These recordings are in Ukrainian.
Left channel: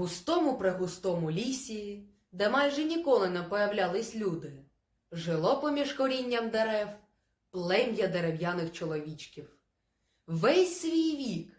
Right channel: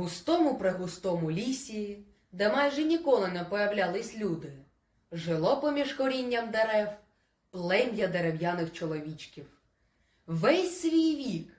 густому пригустому лісі, де майже ніколи не появлялись люди, жило поміж корінням дерев плем'я дерев'яних чоловічків. Весь свій вік,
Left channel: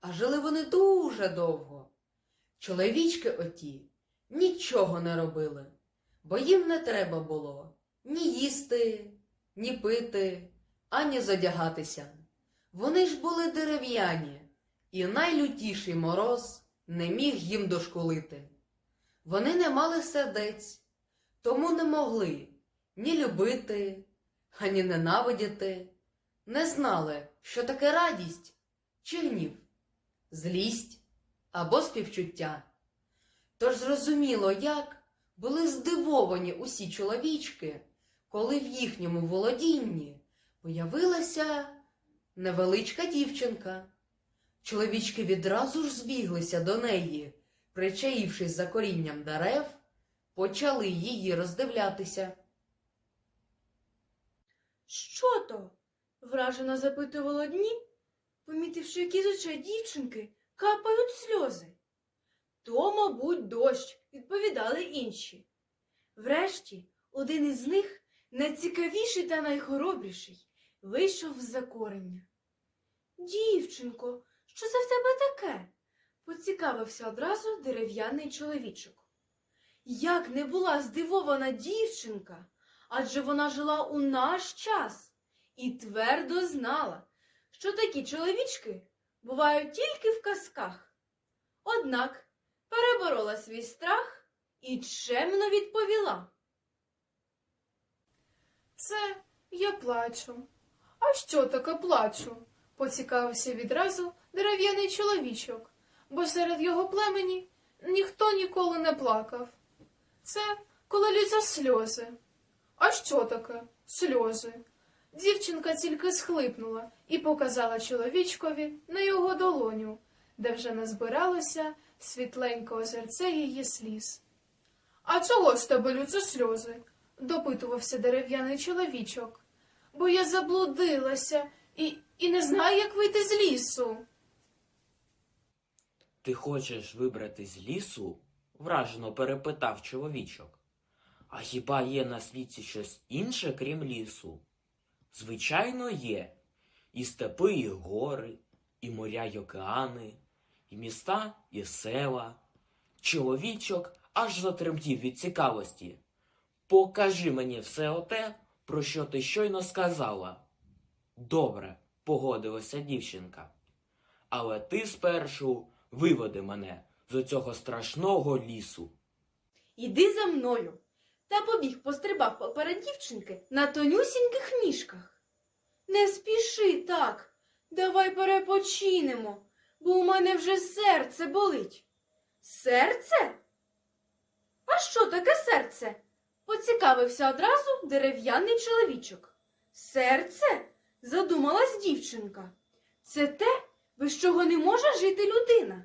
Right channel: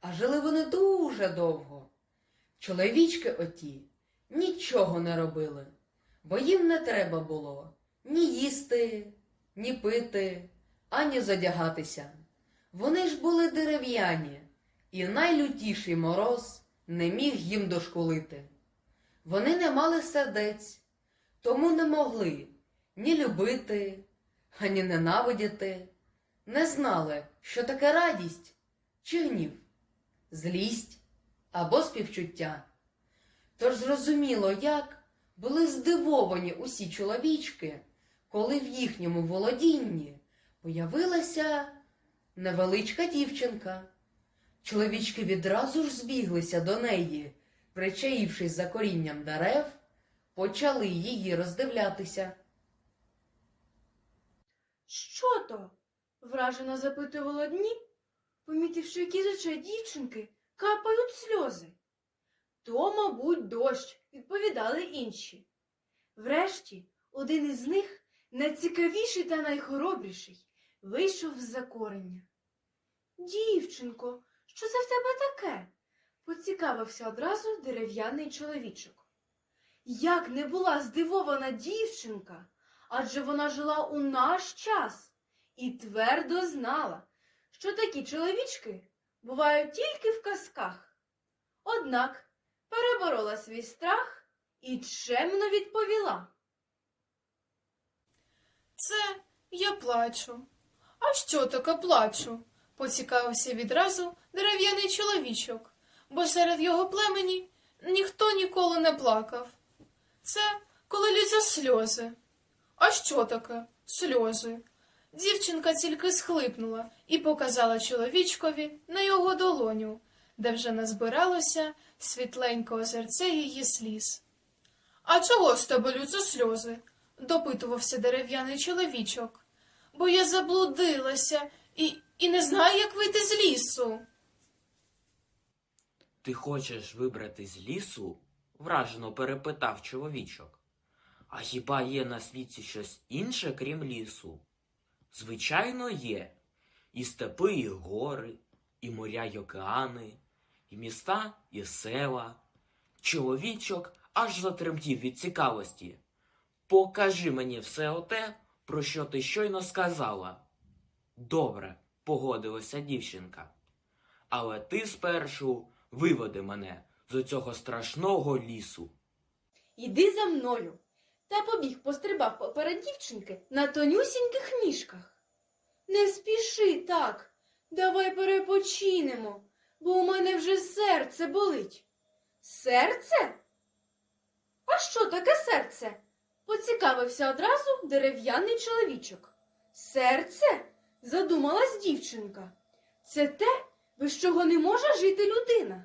а жили вони дуже довго. Чоловічки оті нічого не робили, бо їм не треба було ні їсти, ні пити, ані задягатися. Вони ж були дерев'яні, і найлютіший мороз не міг їм дошкулити. Вони не мали сердець, тому не могли ні любити, ані ненавидіти, не знали, що таке радість чи гнів, злість або співчуття. Тож зрозуміло, як були здивовані усі чоловічки, коли в їхньому володінні появилася невеличка дівчинка. Чоловічки відразу ж збіглися до неї, причаївшись за корінням дерев, почали її роздивлятися. Що то? вражено запитували одні, помітивши, які з очей дівчинки капають сльози. То, мабуть, дощ, відповідали інші. Врешті, один із них, найцікавіший та найхоробріший, вийшов з-за корення. Дівчинко, що це в тебе таке? поцікавився одразу дерев'яний чоловічок. Як не була здивована дівчинка, адже вона жила у наш час і твердо знала, що такі чоловічки бувають тільки в казках. Однак переборола свій страх і чемно відповіла. Це я плачу. А що таке плачу? поцікавився відразу дерев'яний чоловічок, бо серед його племені ніхто ніколи не плакав. Це коли лються сльози. А що таке сльози? Дівчинка тільки схлипнула і показала чоловічкові на його долоню, де вже назбиралося світленьке озерце її сліз. А чого з тебе лються сльози? допитувався дерев'яний чоловічок. Бо я заблудилася і, і не знаю, як вийти з лісу. Ти хочеш вибрати з лісу? вражено перепитав чоловічок. А хіба є на світі щось інше, крім лісу? Звичайно, є. І степи, і гори, і моря, й океани, і міста, і села. Чоловічок аж затремтів від цікавості. Покажи мені все оте, про що ти щойно сказала. Добре, погодилася дівчинка. Але ти спершу виведи мене з цього страшного лісу. Іди за мною. Та побіг пострибав поперед дівчинки на тонюсіньких ніжках. Не спіши так, давай перепочинемо, бо у мене вже серце болить. Серце? А що таке серце? поцікавився одразу дерев'яний чоловічок. Серце? задумалась дівчинка. Це те, без чого не може жити людина.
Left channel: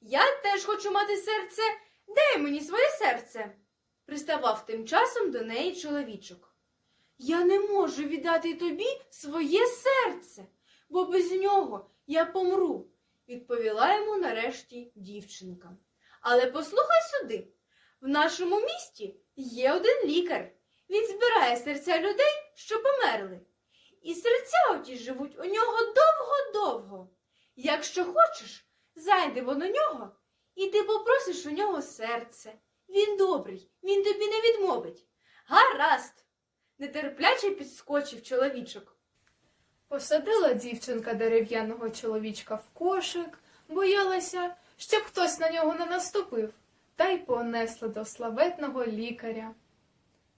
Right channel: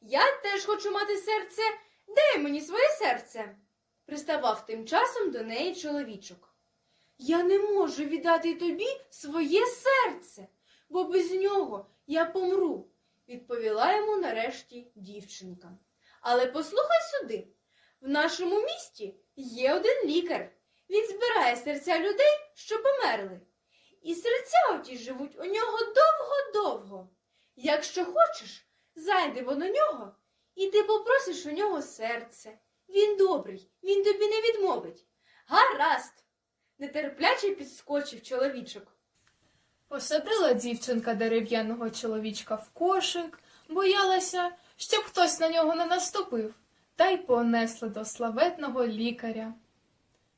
Я теж хочу мати серце. Дай мені своє серце. Приставав тим часом до неї чоловічок. Я не можу віддати тобі своє серце, бо без нього я помру, відповіла йому нарешті дівчинка. Але послухай сюди, в нашому місті є один лікар. Він збирає серця людей, що померли. І серця оті живуть у нього довго-довго. Якщо хочеш, зайдемо до нього, і ти попросиш у нього серце. Він добрий, він тобі не відмовить. Гаразд. Нетерпляче підскочив чоловічок. Посадила дівчинка дерев'яного чоловічка в кошик, боялася, щоб хтось на нього не наступив, та й понесла до славетного лікаря.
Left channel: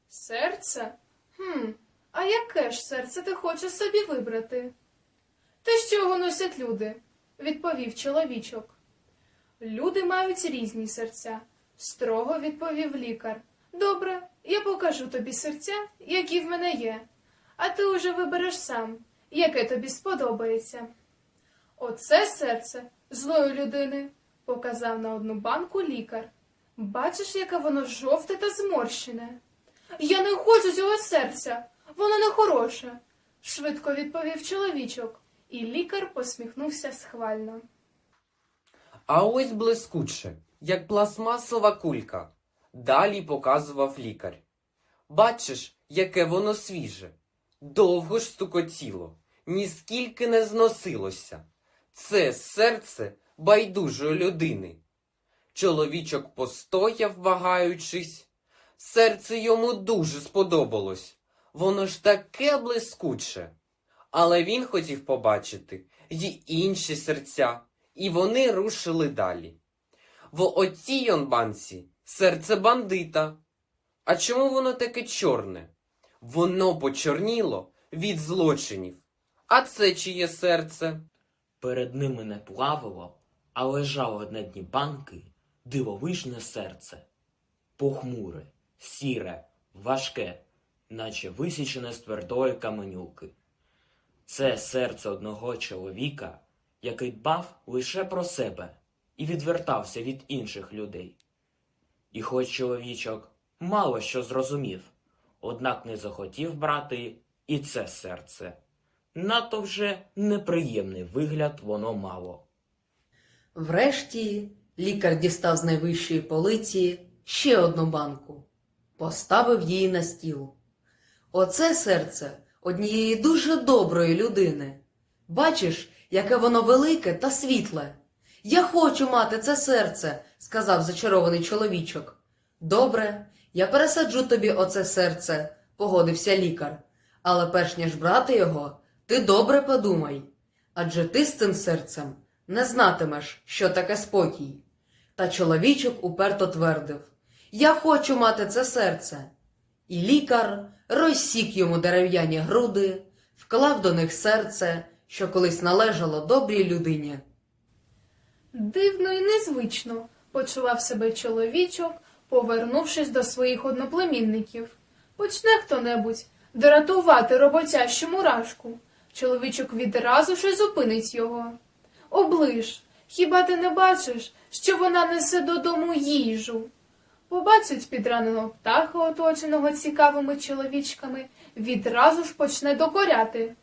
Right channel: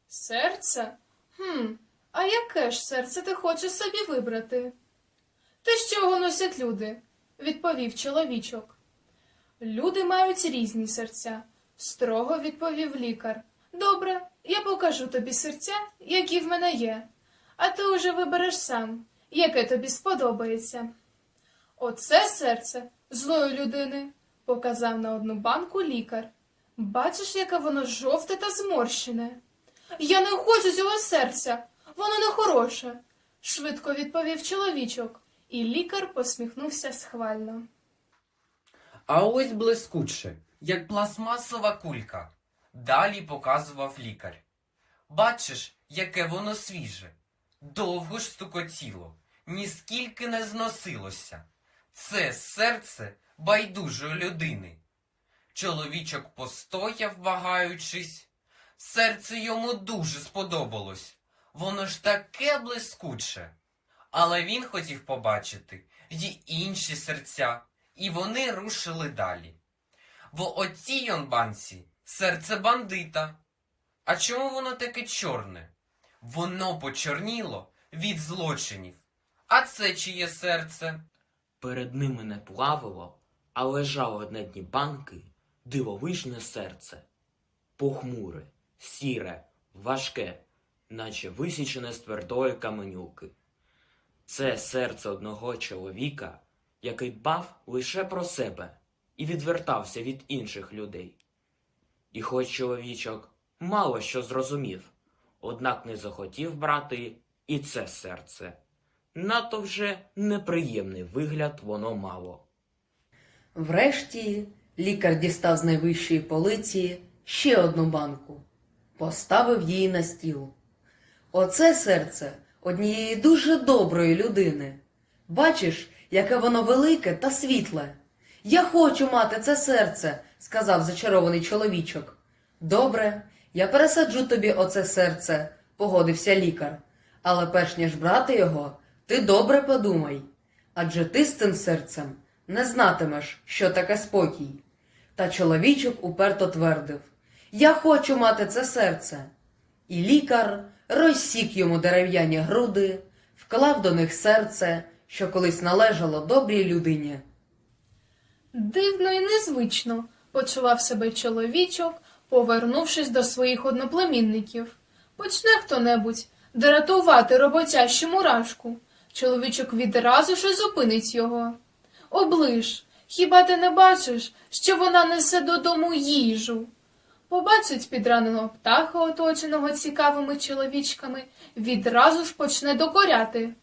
Серце? Хм, а яке ж серце ти хочеш собі вибрати? Те, що його носять люди, відповів чоловічок. Люди мають різні серця, строго відповів лікар. Добре, я покажу тобі серця, які в мене є, а ти уже вибереш сам, яке тобі сподобається. Оце серце злої людини, показав на одну банку лікар. Бачиш, яке воно жовте та зморщене. Я не хочу цього серця, воно не хороше, швидко відповів чоловічок, і лікар посміхнувся схвально. А ось блискуче, як пластмасова кулька. Далі показував лікар. Бачиш, яке воно свіже. Довго ж стукотіло, ніскільки не зносилося. Це серце байдужої людини. Чоловічок постояв, вагаючись. Серце йому дуже сподобалось. Воно ж таке блискуче. Але він хотів побачити й інші серця, і вони рушили далі. В оцій он банці серце бандита. А чому воно таке чорне? Воно почорніло від злочинів. А це чиє серце? Перед ними не плавало, а лежало на дні банки дивовижне серце. Похмуре, сіре, важке, наче висічене з твердої каменюки. Це серце одного чоловіка, який дбав лише про себе і відвертався від інших людей. І хоч чоловічок мало що зрозумів, однак не захотів брати і це серце. Надто вже неприємний вигляд воно мало. Врешті лікар дістав з найвищої полиці ще одну банку, поставив її на стіл. Оце серце однієї дуже доброї людини. Бачиш, яке воно велике та світле. Я хочу мати це серце, сказав зачарований чоловічок. Добре, я пересаджу тобі оце серце, погодився лікар. Але перш ніж брати його, ти добре подумай. Адже ти з цим серцем не знатимеш, що таке спокій. Та чоловічок уперто твердив Я хочу мати це серце. І лікар розсік йому дерев'яні груди, вклав до них серце, що колись належало добрій людині. Дивно і незвично почував себе чоловічок, повернувшись до своїх одноплемінників. Почне хто-небудь дратувати роботящу мурашку. Чоловічок відразу ж зупинить його. Оближ, хіба ти не бачиш, що вона несе додому їжу? Побачить підраненого птаха, оточеного цікавими чоловічками, відразу ж почне докоряти.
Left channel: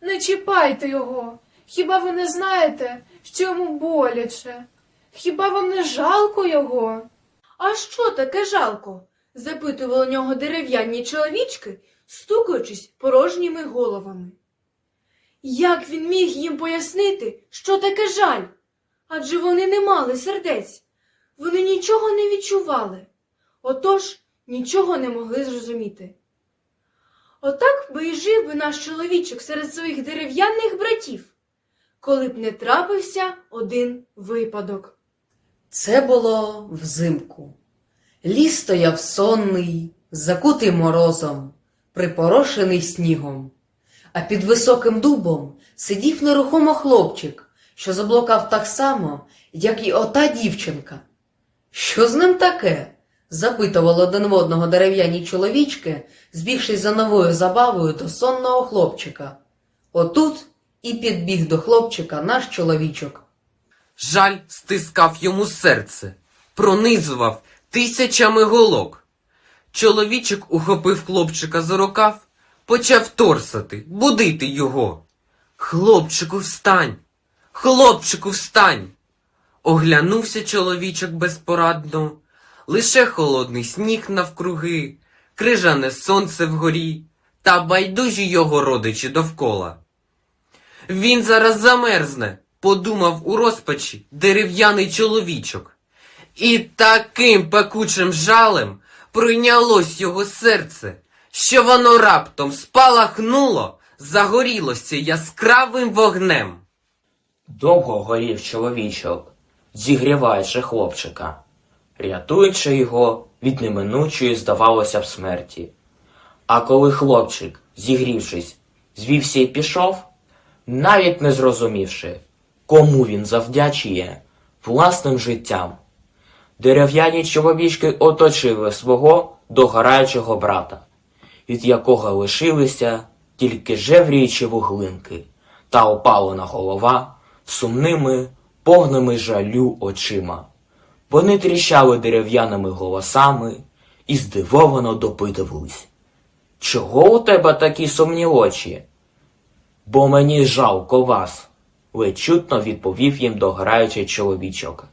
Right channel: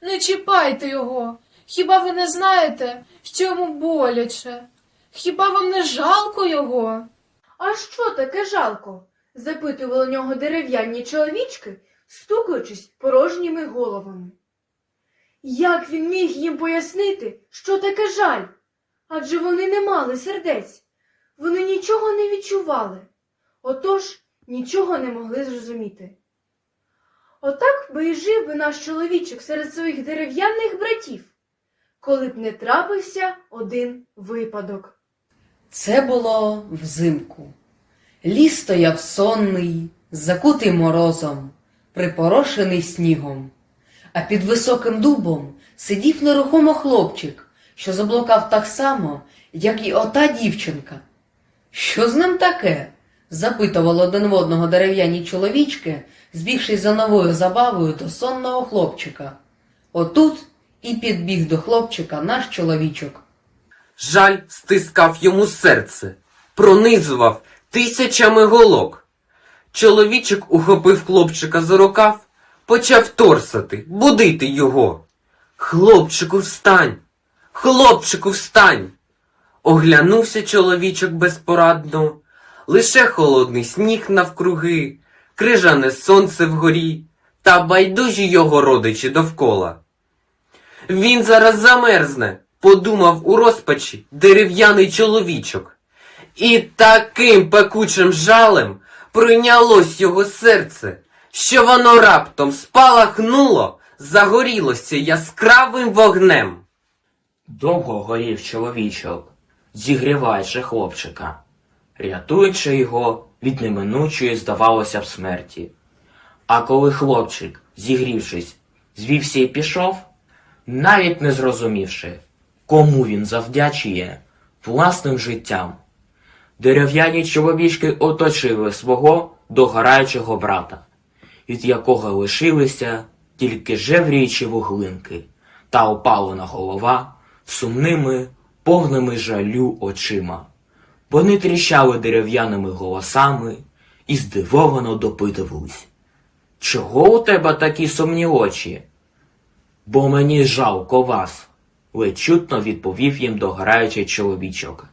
Не чіпайте його. Хіба ви не знаєте, що йому боляче? Хіба вам не жалко його? А що таке жалко? запитували у нього дерев'яні чоловічки, стукаючись порожніми головами. Як він міг їм пояснити, що таке жаль? Адже вони не мали сердець, вони нічого не відчували, отож нічого не могли зрозуміти. Отак би і жив би наш чоловічок серед своїх дерев'яних братів, коли б не трапився один випадок. Це було взимку. Ліс стояв сонний, закутий морозом, припорошений снігом. А під високим дубом сидів нерухомо хлопчик, що заблукав так само, як і ота дівчинка. Що з ним таке? запитували один в одного дерев'яні чоловічки, збігшись за новою забавою до сонного хлопчика. Отут і підбіг до хлопчика наш чоловічок. Жаль стискав йому серце, пронизував тисячами голок. Чоловічок ухопив хлопчика за рукав, почав торсати, будити його. Хлопчику, встань! Хлопчику, встань! Оглянувся чоловічок безпорадно, лише холодний сніг навкруги, крижане сонце вгорі та байдужі його родичі довкола. Він зараз замерзне, подумав у розпачі дерев'яний чоловічок. І таким пекучим жалем прийнялось його серце, що воно раптом спалахнуло, загорілося яскравим вогнем. Довго горів чоловічок, зігріваючи хлопчика, рятуючи його від неминучої, здавалося б, смерті. А коли хлопчик, зігрівшись, звівся і пішов, навіть не зрозумівши, кому він завдячує власним життям, дерев'яні чоловічки оточили свого догораючого брата, від якого лишилися тільки жевріючі вуглинки та опалена голова сумними, повними жалю очима. Вони тріщали дерев'яними голосами і здивовано допитувались. Чого у тебе такі сумні очі? Бо мені жалко вас, ледь чутно відповів їм дограючий чоловічок.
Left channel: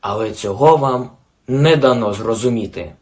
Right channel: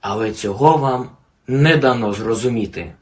Але цього вам не дано зрозуміти.